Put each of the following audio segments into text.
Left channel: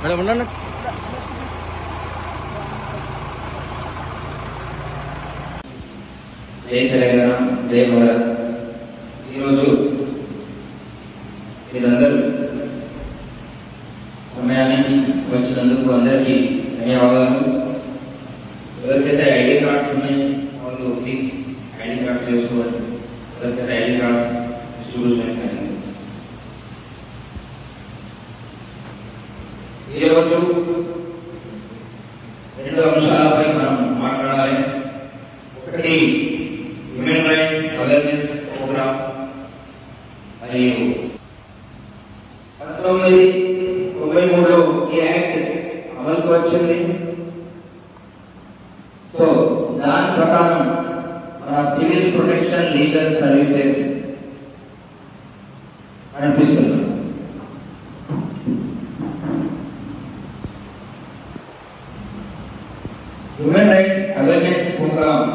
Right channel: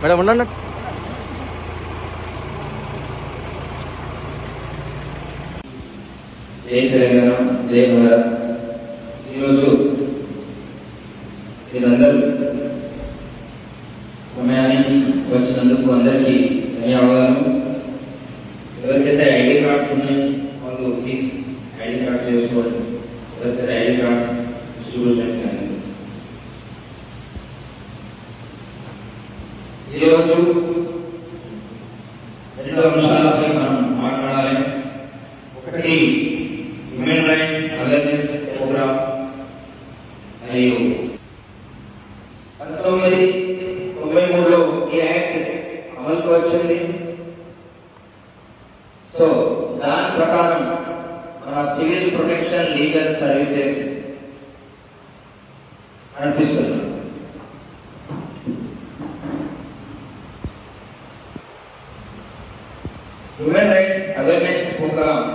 Madam ఉండండి. జై తెలంగాణ, జై భారత్. ఈరోజు మీరందరూ సమయానికి వచ్చినందుకు అందరికీ ధన్యవాదాలు. ఎవరికైతే ఐడి కార్డ్స్ ఉన్నాయో వాళ్ళు ప్లీజ్ ఐడి కార్డ్స్ వేసుకోండి. ఎవరికైతే ఐడి కార్డ్స్ డిస్ట్రిబ్యూషన్ చేయండి. ఈరోజు రెండు అంశాలపై మనం మాట్లాడాలి. ఒకటి హ్యూమన్ రైట్స్ అవేర్నెస్ ప్రోగ్రామ్ మరియు 1993 ఈ యాక్ట్ అమలుకు వచ్చింది. సో దాని ప్రకారం మన సివిల్ ప్రొటెక్షన్ లీగల్ సర్వీసెస్ అనిపిస్తుంది. Human rights awareness programme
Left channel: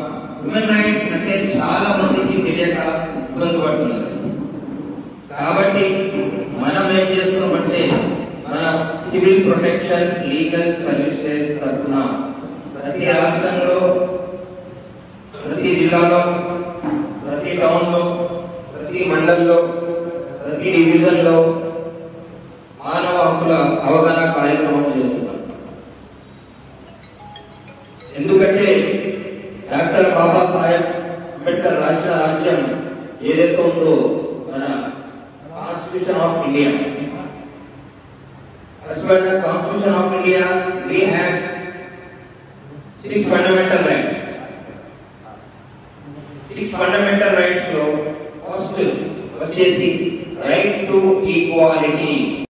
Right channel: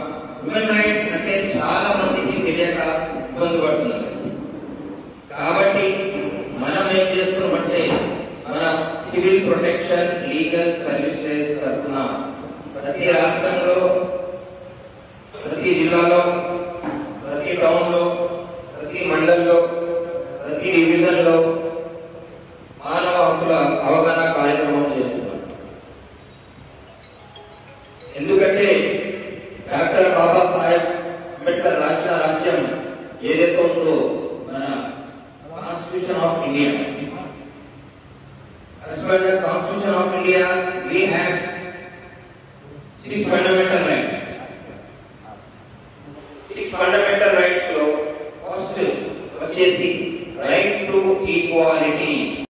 human rights అంటే చాలా మందికి తెలియక ఇబ్బంది పడుతుంది. కాబట్టి మనం ఏం చేసుకోమంటే మన సివిల్ ప్రొటెక్షన్ లీగల్ సర్వీసెస్ తరఫున ప్రతి రాష్ట్రంలో, ప్రతి జిల్లాలో, ప్రతి టౌన్లో, ప్రతి మండలంలో, ప్రతి డివిజన్లో మానవ హక్కుల అవగాహన కార్యక్రమం చేస్తున్నాం. ఎందుకంటే డాక్టర్ బాబాసాహెబ్ అంబేద్కర్ రాసిన ఆశయం ఏదైతే ఉందో మన Constitution of India. As per the Constitution of India, we have 6 fundamental rights. 6 fundamental rights. First, right to equality.